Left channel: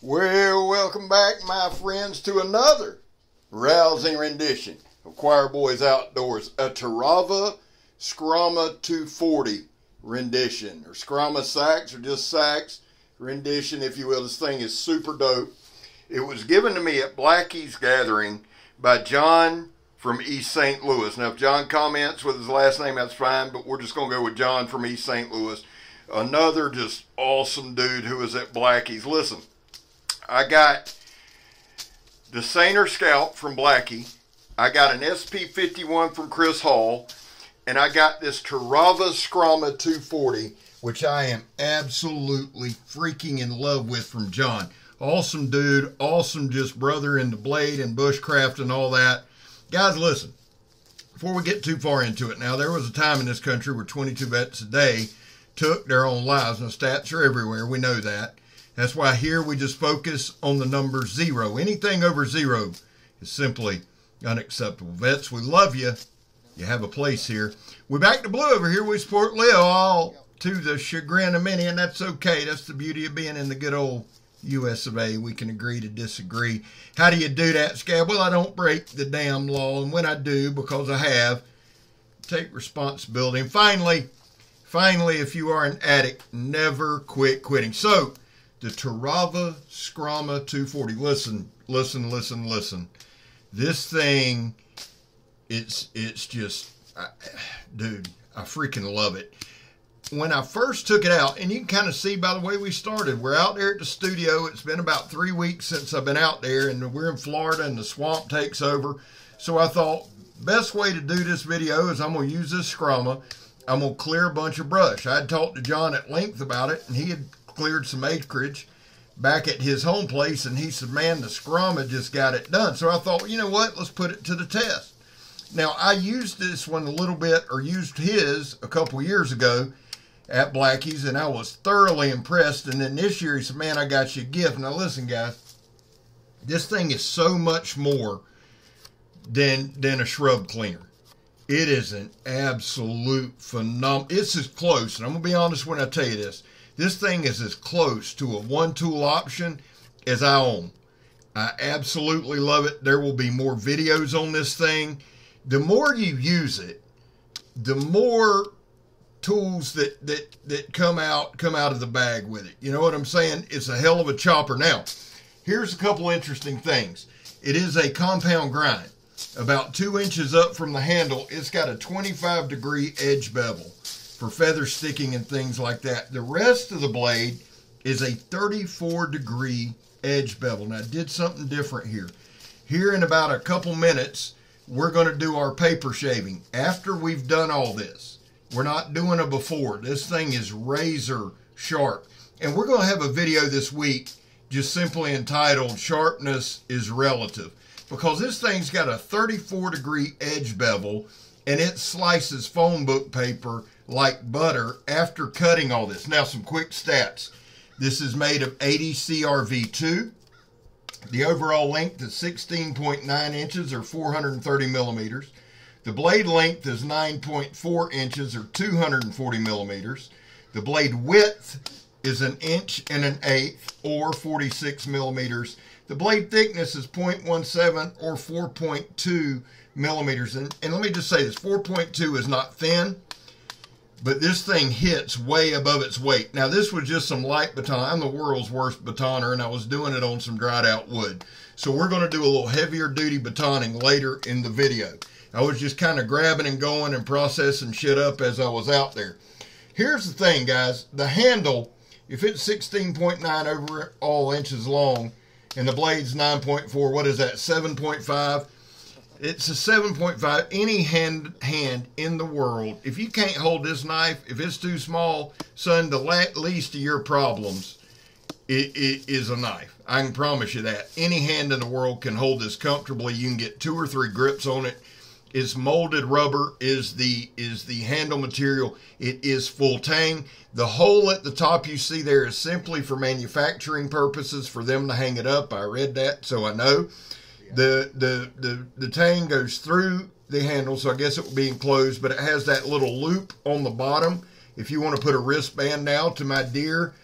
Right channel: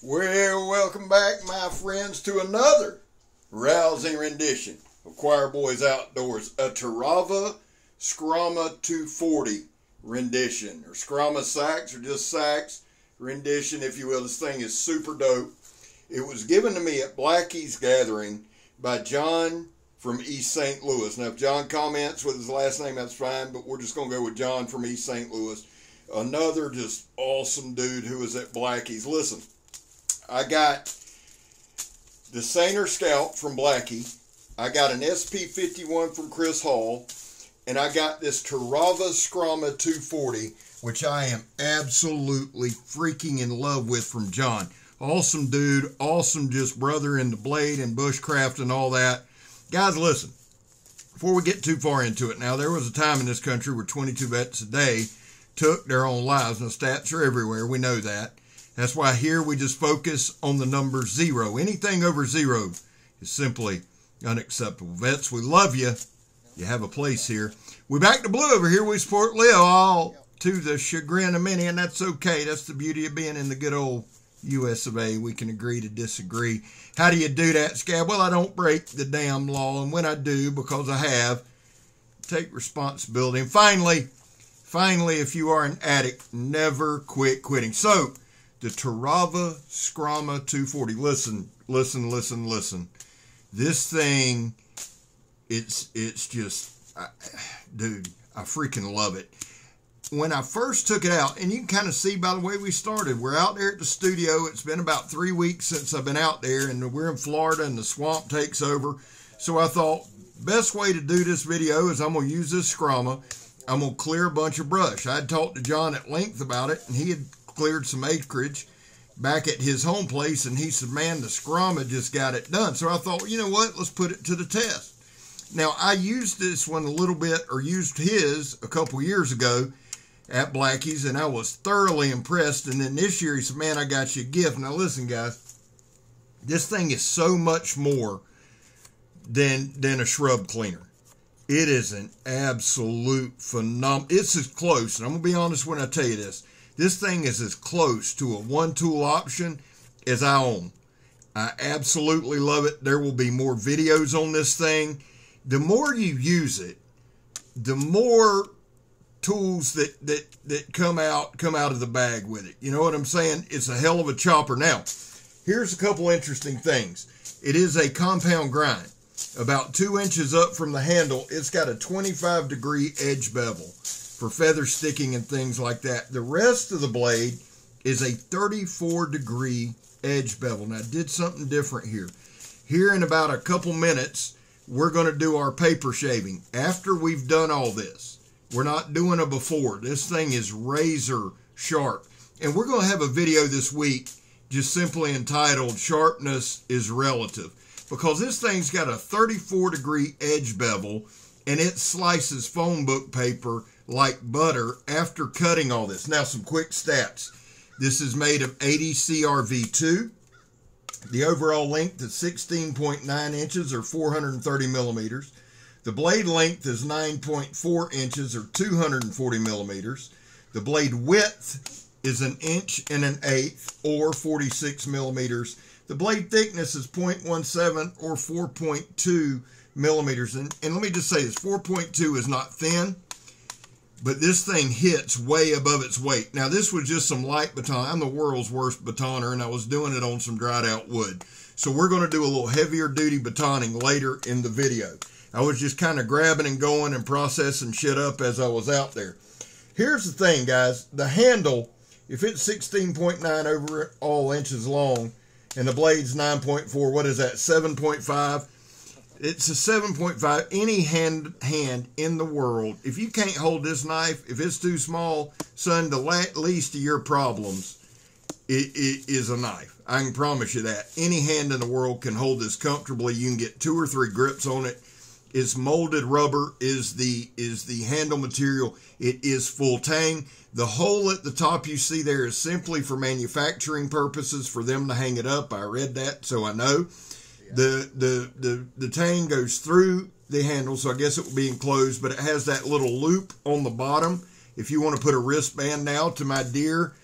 Well, welcome back, my friends, to another rousing rendition of Choir Boys Outdoors, a Terava SKRAMA 240 rendition, or SKRAMA SEAX, or just SEAX rendition, if you will. This thing is super dope. It was given to me at Blackie's Gathering by John from East St. Louis. Now, if John comments with his last name, that's fine, but we're just going to go with John from East St. Louis. Another just awesome dude who was at Blackie's. Listen, I got the Sainer Scout from Blackie. I got an SP51 from Chris Hall. And I got this Terava SKRAMA 240, which I am absolutely freaking in love with, from John. Awesome dude. Awesome just brother in the blade and bushcraft and all that. Guys, listen. Before we get too far into it, now there was a time in this country where 22 vets a day took their own lives. Now, stats are everywhere. We know that. That's why here we just focus on the number 0. Anything over 0 is simply unacceptable. Vets, we love you. You have a place here. We're back to blue over here. We support Leo, all to the chagrin of many, and that's okay. That's the beauty of being in the good old US of A. We can agree to disagree. How do you do that, Scab? Well, I don't break the damn law, and when I do, because I have, take responsibility. And finally, if you are an addict, never quit quitting. So, the Terava SKRAMA 240. Listen. This thing, it's just, dude, I freaking love it. When I first took it out, and you can kind of see by the way we started, we're out there at the studio. It's been about 3 weeks since I've been out there, and we're in Florida, and the swamp takes over. So I thought, best way to do this video is I'm going to use this SKRAMA. I'm going to clear a bunch of brush. I had talked to John at length about it, and he had cleared some acreage back at his home place, and he said, man, the SKRAMA just got it done. So I thought, you know what, let's put it to the test. Now, I used this one a little bit, or used his a couple years ago at Blackie's, and I was thoroughly impressed. And then this year he said, man, I got you a gift. Now listen, guys, this thing is so much more than a shrub cleaner. It is an absolute phenomenal. It's as close, and I'm going to be honest when I tell you this. This thing is as close to a one-tool option as I own. I absolutely love it. There will be more videos on this thing. The more you use it, the more tools that come out of the bag with it. You know what I'm saying? It's a hell of a chopper. Now, here's a couple interesting things. It is a compound grind. About 2 inches up from the handle, it's got a 25-degree edge bevel for feather sticking and things like that. The rest of the blade is a 34-degree edge bevel. Now, I did something different here. Here in about a couple minutes, we're going to do our paper shaving. After we've done all this, we're not doing a before. This thing is razor sharp. And we're going to have a video this week just simply entitled Sharpness is Relative, because this thing's got a 34-degree edge bevel, and it slices phone book paper like butter after cutting all this. Now, some quick stats. This is made of 80 CRV2. The overall length is 16.9 inches, or 430 millimeters. The blade length is 9.4 inches, or 240 millimeters. The blade width is 1 1/8 inches, or 46 millimeters. The blade thickness is 0.17, or 4.2 millimeters. And let me just say this, 4.2 is not thin, but this thing hits way above its weight. Now, this was just some light baton. I'm the world's worst batoner, and I was doing it on some dried out wood. So we're going to do a little heavier duty batoning later in the video. I was just kind of grabbing and going and processing shit up as I was out there. Here's the thing, guys. The handle, if it's 16.9 overall inches long, and the blade's 9.4, what is that, 7.5? It's a 7.5. Any hand in the world, if you can't hold this knife, if it's too small, son, the least of your problems is a knife. I can promise you that. Any hand in the world can hold this comfortably. You can get 2 or 3 grips on it. It's molded rubber is the handle material. It is full tang. The hole at the top you see there is simply for manufacturing purposes, for them to hang it up. I read that, so I know. The tang goes through the handle, so I guess it will be enclosed, but it has that little loop on the bottom. If you want to put a wristband now to my dear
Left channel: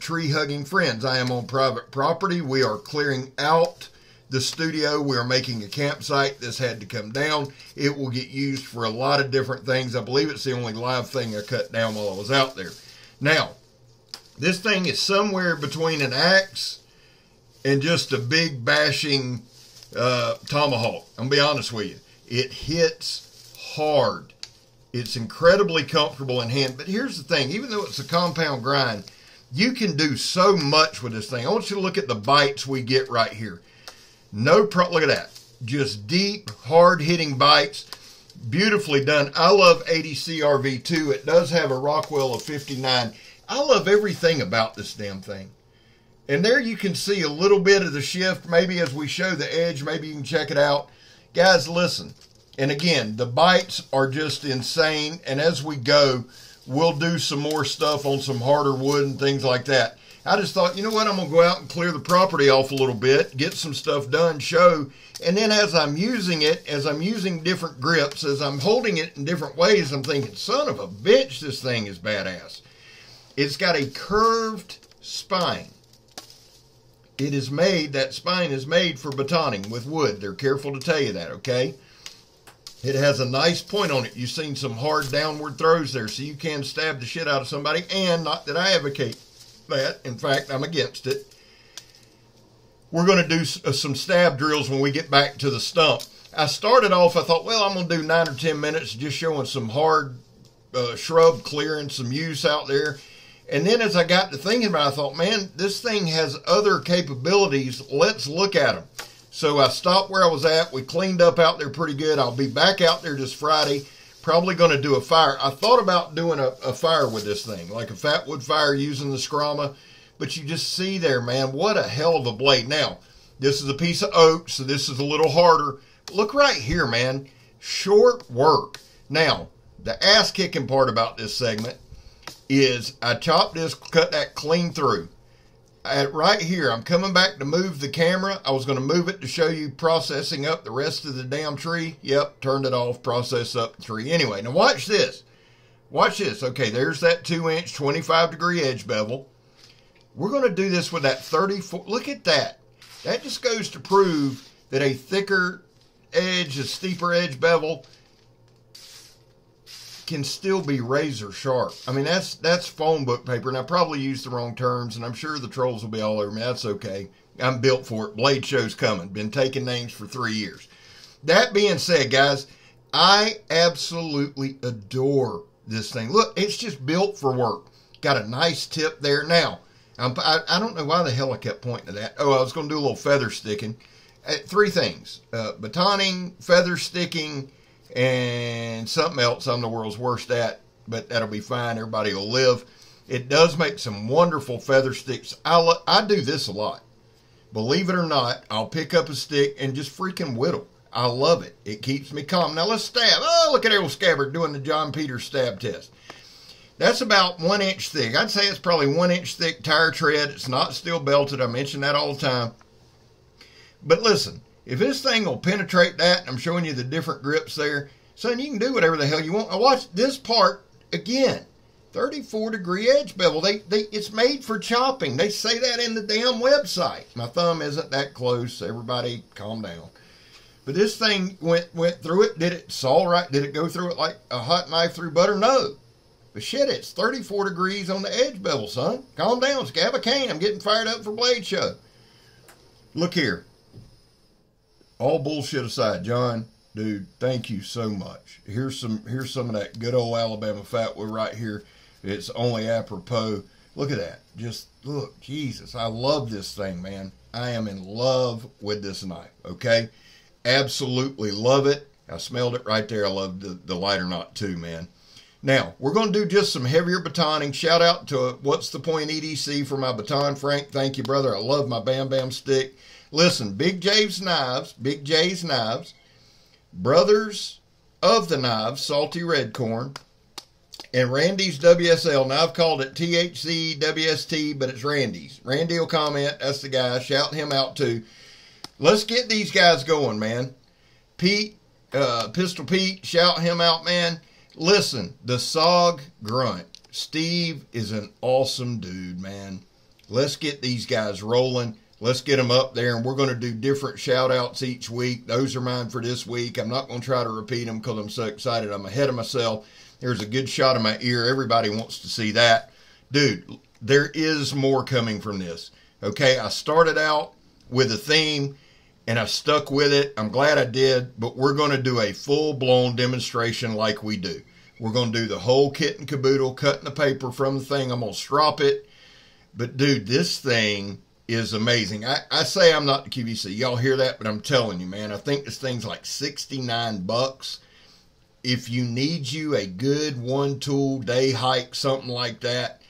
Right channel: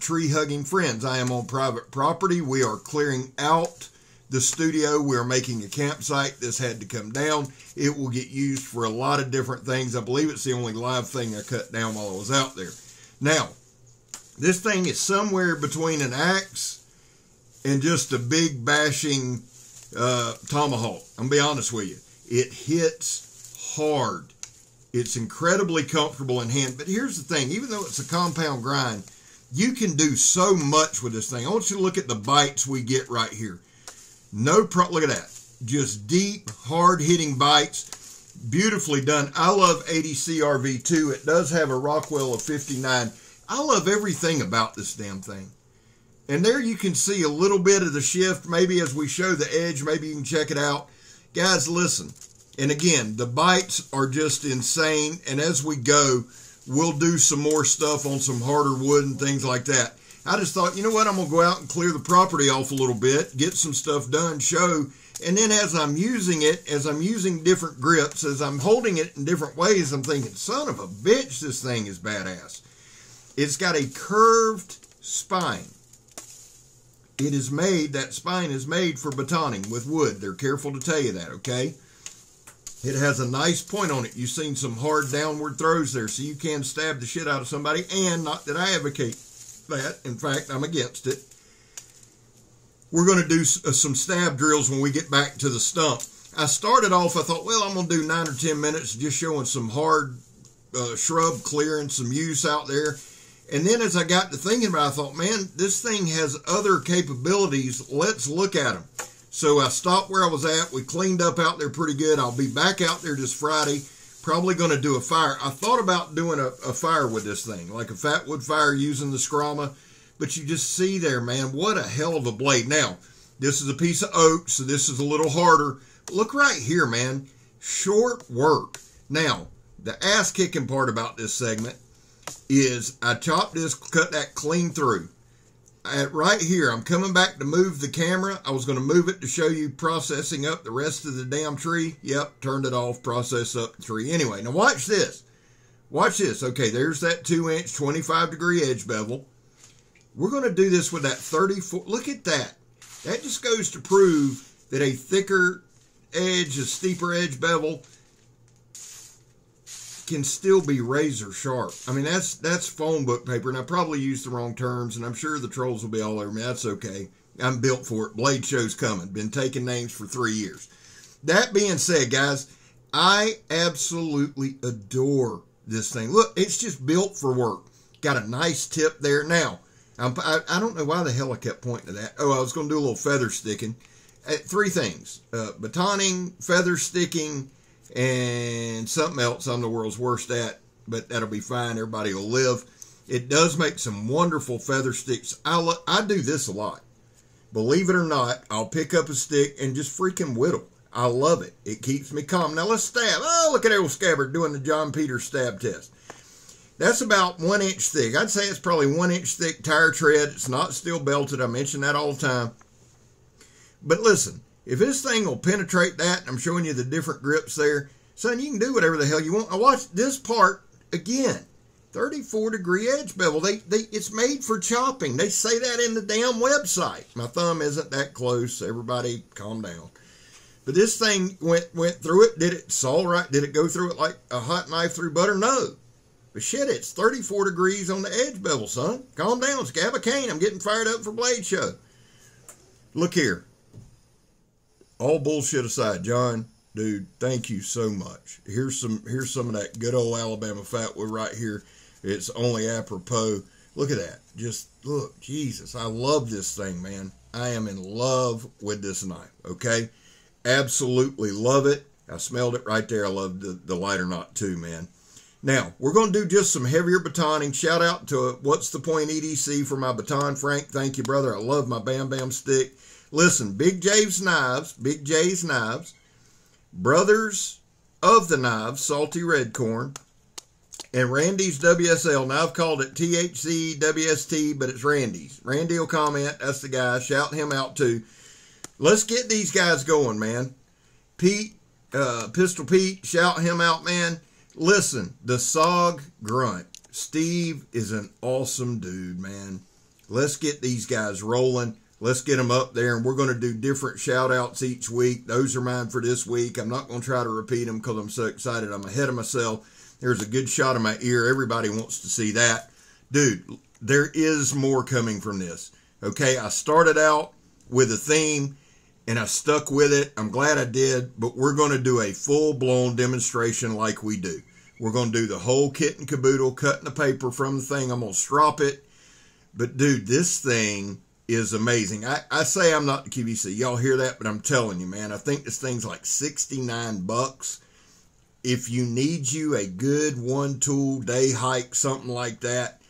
tree hugging friends. I am on private property. We are clearing out the studio. We are making a campsite. This had to come down. It will get used for a lot of different things. I believe it's the only live thing I cut down while I was out there. Now, this thing is somewhere between an axe and just a big bashing tomahawk. I'm going to be honest with you. It hits hard. It's incredibly comfortable in hand. But here's the thing. Even though it's a compound grind, you can do so much with this thing. I want you to look at the bites we get right here. Look at that. Just deep, hard-hitting bites. Beautifully done. I love 80 CRV2. It does have a Rockwell of 59. I love everything about this damn thing. And there you can see a little bit of the shift. Maybe as we show the edge, maybe you can check it out. Guys, listen. And again, the bites are just insane. And as we go, we'll do some more stuff on some harder wood and things like that. I just thought, you know what? I'm going to go out and clear the property off a little bit, get some stuff done, show. And then as I'm using it, as I'm using different grips, as I'm holding it in different ways, I'm thinking, son of a bitch, this thing is badass. It's got a curved spine. It is made, that spine is made for batoning with wood. They're careful to tell you that, okay? It has a nice point on it. You've seen some hard downward throws there, so you can stab the shit out of somebody, and not that I advocate that. In fact, I'm against it. We're going to do some stab drills when we get back to the stump. I started off, I thought, well, I'm going to do 9 or 10 minutes just showing some hard shrub clearing, some use out there. And then as I got to thinking about it, I thought, man, this thing has other capabilities. Let's look at them. So I stopped where I was at. We cleaned up out there pretty good. I'll be back out there this Friday. Probably going to do a fire. I thought about doing a fire with this thing, like a fat wood fire using the SKRAMA. But you just see there, man, what a hell of a blade. Now, this is a piece of oak, so this is a little harder. Look right here, man. Short work. Now, the ass-kicking part about this segment is I chopped this, cut that clean through. Right here, I'm coming back to move the camera. I was going to move it to show you processing up the rest of the damn tree. Yep, turned it off, process up the tree. Anyway, now watch this. Watch this. Okay, there's that 2-inch, 25-degree edge bevel. We're going to do this with that 34. Look at that. That just goes to prove that a thicker edge, a steeper edge bevel can still be razor sharp. I mean, that's phone book paper, and I probably used the wrong terms, and I'm sure the trolls will be all over me. That's okay. I'm built for it. Blade show's coming. Been taking names for 3 years. That being said, guys, I absolutely adore this thing. Look, it's just built for work. Got a nice tip there. Now, I don't know why the hell I kept pointing to that. Oh, I was going to do a little feather sticking. 3 things. Batoning, feather sticking, and something else I'm the world's worst at, but that'll be fine. Everybody will live. It does make some wonderful feather sticks. I do this a lot. Believe it or not, I'll pick up a stick and just freaking whittle. I love it. It keeps me calm. Now let's stab. Oh, look at that old scabbard doing the John Peters stab test. That's about 1 inch thick. I'd say it's probably 1 inch thick tire tread. It's not steel belted. I mention that all the time. But listen, if this thing will penetrate that, and I'm showing you the different grips there, son, you can do whatever the hell you want. Now watch this part again. 34-degree edge bevel. It's made for chopping. They say that in the damn website. My thumb isn't that close. Everybody calm down. But this thing went through it. Did it saw right? Did it go through it like a hot knife through butter? No. But shit, it's 34 degrees on the edge bevel, son. Calm down. Scab a cane. I'm getting fired up for Blade Show. Look here. All bullshit aside, John, dude, thank you so much. Here's some of that good old Alabama fatwood right here. It's only apropos. Look at that. Just look, Jesus, I love this thing, man. I am in love with this knife, okay? Absolutely love it. I smelled it right there. I love the lighter knot too, man. Now, we're going to do just some heavier batoning. Shout out to What's the Point EDC for my baton, Frank. Thank you, brother. I love my Bam Bam stick. Listen, Big J's Knives, Brothers of the Knives, Salty Red Corn, and Randy's WSL. Now, I've called it THC WST, but it's Randy's. Randy will comment. That's the guy. Shout him out, too. Let's get these guys going, man. Pete, Pistol Pete, shout him out, man. Listen, the SOG Grunt. Steve is an awesome dude, man. Let's get these guys rolling. Let's get them up there, and we're going to do different shout-outs each week. Those are mine for this week. I'm not going to try to repeat them because I'm so excited. I'm ahead of myself. There's a good shot of my ear. Everybody wants to see that. Dude, there is more coming from this. Okay, I started out with a theme, and I stuck with it. I'm glad I did, but we're going to do a full-blown demonstration like we do. We're going to do the whole kit and caboodle, cutting the paper from the thing. I'm going to strop it. But, dude, this thing is amazing. I say I'm not the QVC. Y'all hear that? But I'm telling you, man, I think this thing's like $69. If you need you a good one-tool day hike, something like that,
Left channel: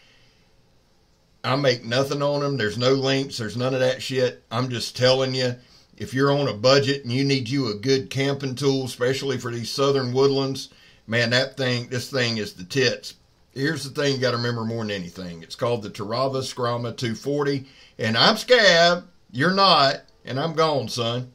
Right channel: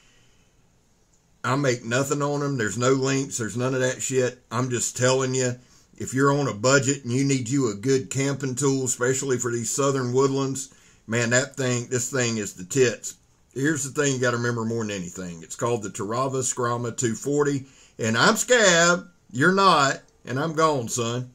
I make nothing on them. There's no links. There's none of that shit. I'm just telling you, if you're on a budget and you need you a good camping tool, especially for these southern woodlands, man, this thing is the tits. Here's the thing you got to remember more than anything. It's called the Terava SKRAMA 240. And I'm Scab. You're not. And I'm gone, son.